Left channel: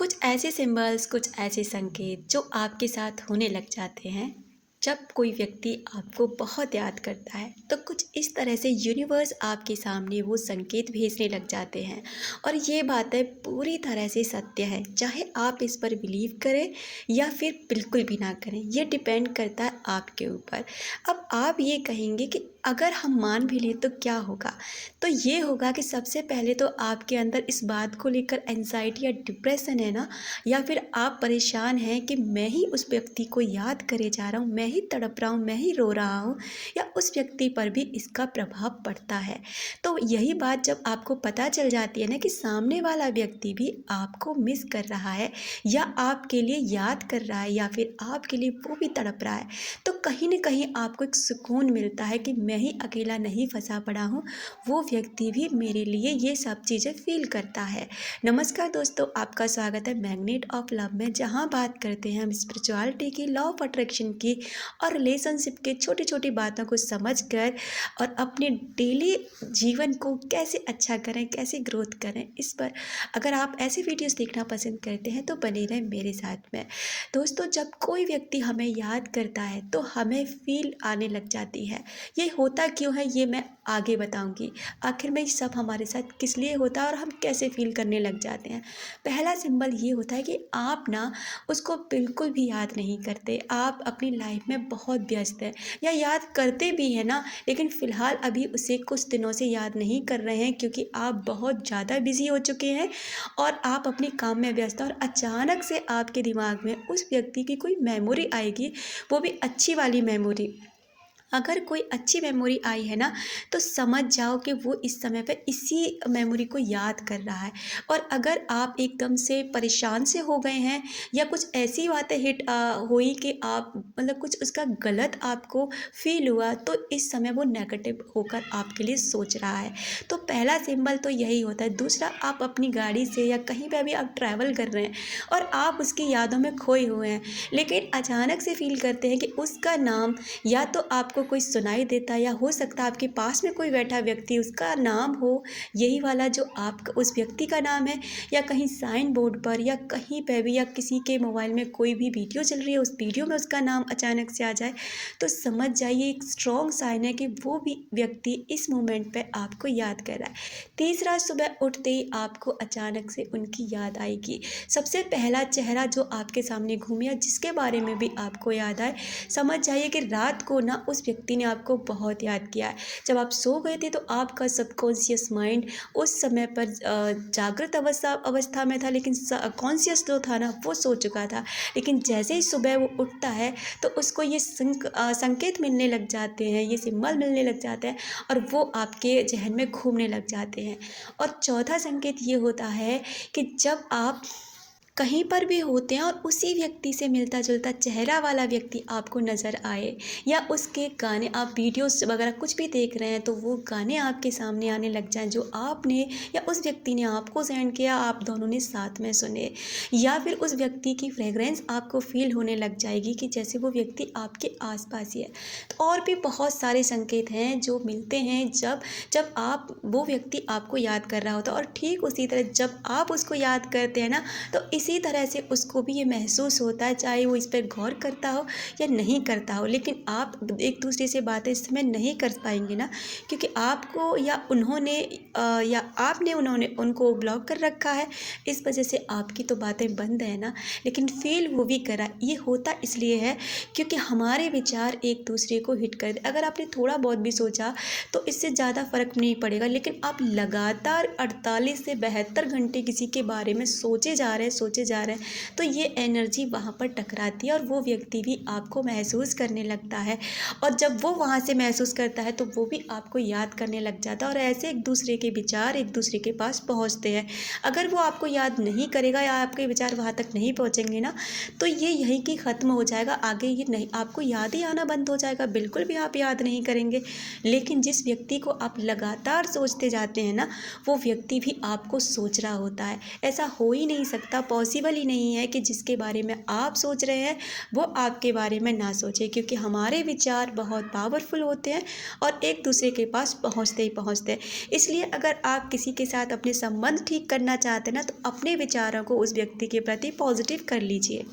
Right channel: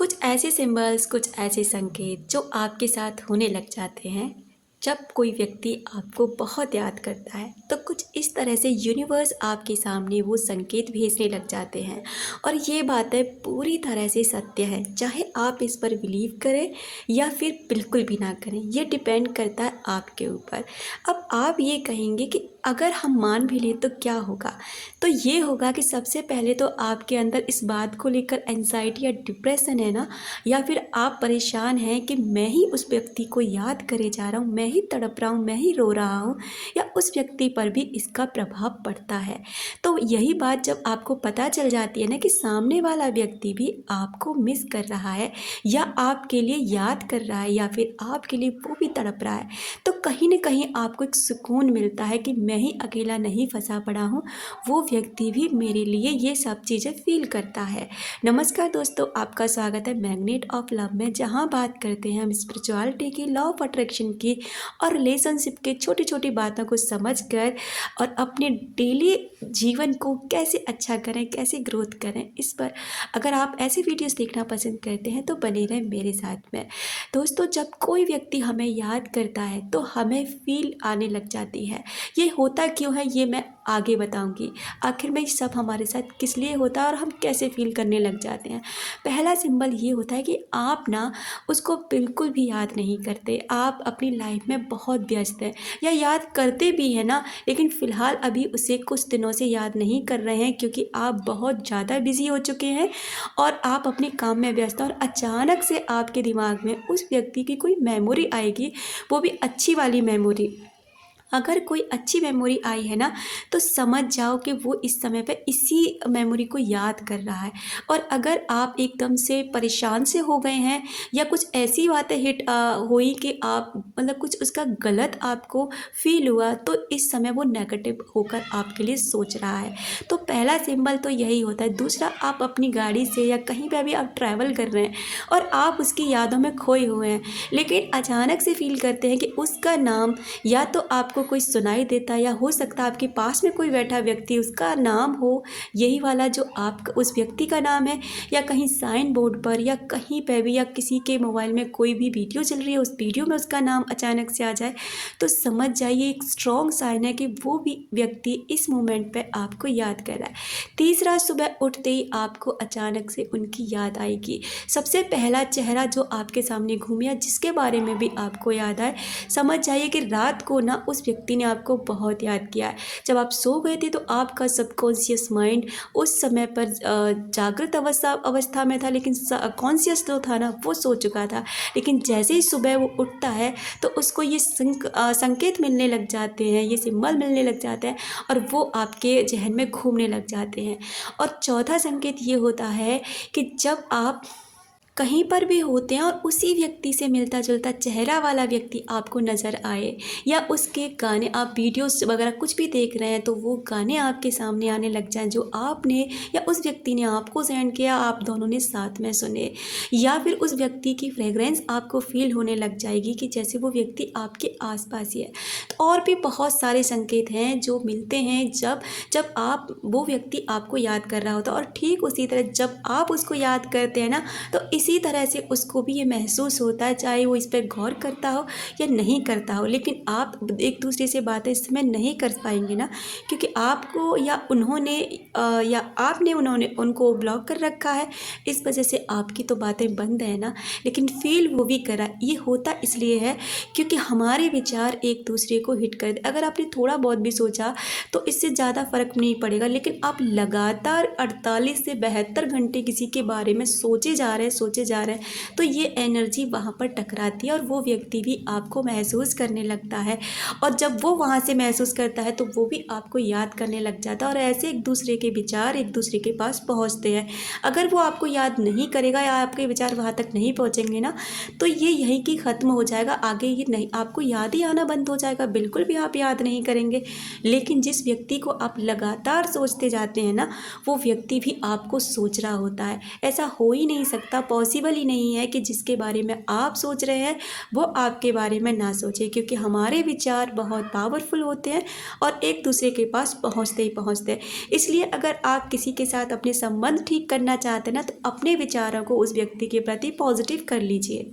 कुछ ऐसे सिंबल्स, कुछ ऐसे संकेत जो आपके साथ होने लग जाते हैं जब कोई व्यक्ति आपको बहुत याद करता है, तो कुछ इस तरह से यूनिवर्स आपके सामने वो संकेत भेजने लग जाते हैं। और ये बातें पूरी तरह से सत्य है, चाहे आप इस पर बिलीव करें या फिर बिल्कुल भी ना करें, ये डिपेंड करता है आपके ऊपर। अब आप ये कहेंगे कि अगर हम मान भी लें तो क्या होगा? तो ये होगा कि सबसे पहले तो आपके अंदर इस बात को लेकर एंजाइटी या डिप्रेशन है ना, या फिर आप परेशान हैं कि मैं ही उस व्यक्ति को याद करे जा रहा हूँ, मैं ही तड़प रहा हूँ, मैं ही रो रहा हूँ, या उस व्यक्ति पर भी इसका प्रभाव पड़ता है। तो यही बात जब आपको पता चल जाती है ना कि सामने वाला व्यक्ति भी आपको मिस कर रहा है या आपके लिए याद कर रहा है या फिर आपके लिए वो भी तड़प रहा है, तो कहीं ना कहीं आपको एक सुकून मिलता है कि मैं ही अकेला नहीं फंसा पड़ा हूँ, वो व्यक्ति भी मेरे लिए ये सब चीज़ें फील करता है। नमस्कार दोस्तों, आपका स्वागत है मैग्नेट ऑफ लव में, जहाँ बात करते हैं हम स्पिरिचुअलिटी की, लॉ ऑफ अट्रैक्शन की और रिलेशनशिप की छोटी छोटी बातों को समझकर और अपने डेली जीवन को कैसे अच्छा करें, कैसे ग्रोथ करें, इस पर अगर आप ऐसे वीडियोस देखना पसंद करते हैं तो बने रहें मेरे साथ में। दोस्तों, जब कोई व्यक्ति हमें याद करता है तो हमें फील आने लग जाती है। ये होता क्यों है ये मैं आगे बताऊंगी। आखिर में सब हमारे साथ किस लिए होता है और हम कैसे फील करने लग जाते हैं। पहला सिंबल ये होता है कि आप ना उसको बिल्कुल भी याद नहीं करते, आप अपनी लाइफ में बहुत व्यस्त हैं, या याद करते भी हैं ना, लेकिन फ़िलहाल अभी उसे कुछ दिनों से याद नहीं कर रहे हैं क्योंकि आप बहुत ज़्यादा बिजी हो चुके हैं और आप अपने काम में व्यस्त हैं। और अचानक से आपके दिमाग में उस व्यक्ति की कोई मेमोरी आएगी, वो भी अच्छी वाली मेमोरी। अगर कोई अच्छी मेमोरी आई है ना, तो समझ जाओ कि वो इस समय पे इसी मेमोरी को याद कर रहा है। और अगर आप एकदम से परेशान से हो गए हैं या कुछ ऐसी बातें हुई कि आप मतलब कुछ उसका गलत आपको फील हुआ, तो इस समय वो नेगेटिव होकर आपके लिए सोच रहा है। तो पहला सिंबल तो यही होता है। दूसरा, आप अपनी गाड़ी से या कहीं पे भी आप ट्रैवल कर रहे हैं और आप उसकी यादों में खोए हुए हैं, लेकिन अचानक से फील करते हैं कि उसका नाम या तो आपको कोई सुनाई देता है, या हो सकता है आपके पास में कोई बैठा व्यक्ति उसका नाम हो यही वाला जो आप उस व्यक्ति का नाम है, या कहीं साइन बोर्ड पर या कहीं पे भी, या किसी के मोबाइल में कोई भी वीडियो चल रही है उस वीडियो में उसका नाम अचानक से आ जाए, तो समझ जाइए एक स्ट्रॉन्ग साइन है कि वो भी व्यक्ति इस मोमेंट पे आपको याद कर रहा है। तीसरा, सुबह उठते ही आपको अचानक से उनकी याद आएगी। सबसे पहला चेहरा जो आपके सामने घूमे या जिसके बारे में भी आपको याद आए, समझ जाइए कि रात को ना उस व्यक्ति ने आपको बहुत याद किया है। जब आप सो गए थे तो आपका सबकॉन्शियस माइंड उस समय पर जागृत अवस्था में था, लेकिन कॉन्शियस जो था ना वो सो चुका था। लेकिन जैसे ही सुबह वो उठता है तो उसको ये संकेत मिलने लग जाते हैं, ये सिंबल मिलने लग जाते हैं और वो आपके जहन में घूमने लग जाते हैं। और चौथा संकेत ये होता है कि जब आप कहीं पर भी होते हैं और उसी व्यक्ति से मिलता जुलता चेहरा वाला व्यक्ति आपको नज़र आए, या उसके गाने, आप वीडियोस वगैरह कुछ भी देख रहे हैं तो वो गाने आपके सामने आने लग जाएं जो आपने या उस व्यक्ति ने आपको सेंड किया, आप दोनों ने साथ में सुने, या फिर उस व्यक्ति की फ्रेगरेंस आपको फील होने लग जाएगी कि जैसे वो व्यक्ति आपके आसपास ही है। तो और भी बहुत सारे संकेत हैं जो मिलते हैं जब जब आप वो व्यक्ति आपको याद कर रहा होता है। और ठीक उसी तरह जब आप उसको याद करते हैं ना, तो इसी तरह से उसको भी ये महसूस होता है, चाहे वो इस पर गौर करता हो या नहीं करता हो। लेकिन आप एक दूसरे से बातें इस समय नहीं कर पाएंगे ना, क्योंकि आपको या उन्होंने या आपने उन्होंने उनको ब्लॉक कर रखा है, इस वजह से आपकी तो बातें बंद है ना, लेकिन फील वो भी करा। ये होता इसलिए है क्योंकि हमारे विचार एक दूसरे को हिट कर दे। अगर आपने थोड़ा बहुत भी सोचा तो इससे ज़्यादा फर्क नहीं पड़ेगा, लेकिन आप लगातार 48 से 72 घंटे किसी के बारे में सोचे जा रहे हैं तो ये एनर्जी वहाँ पर टकराती है और वो व्यक्ति भी आपको महसूस करने लगता है। और जब वो वहाँ से महसूस करता है तो वो भी आपको याद करने लग जाता है, और ऐसे एक दूसरे के विचार एक दूसरे के पास पहुँचते हैं। अगर वो आपको याद नहीं करेगा या आपके विचार वहाँ तक नहीं पहुँचेंगे ना, तो ये यहीं की ख़त्म हो जाएगा, आगे ये नहीं, आपको याद ही आना बंद हो जाएगा, बिल्कुल भी आप याद नहीं करेंगे। लेकिन जिस व्यक्ति को आप लगातार सोचते जाते हैं ना, वो व्यक्ति भी आपको सोच रहा होता है। ऐसा हो ही नहीं सकता पॉसिबल ही नहीं है कि जिसके बारे में आप सोच रहे हैं वो आपके बारे में ना सोचे, क्योंकि हमारे विचार बहुत पावरफुल होते हैं और एक दूसरे के पास पहुंचते ही पहुंचते हैं। इसलिए अगर आप किसी के साथ अपने संबंध ठीक करना चाहते हैं ना, तो अपने विचारों को उस व्यक्ति के प्रति पॉजिटिव कर लीजिए।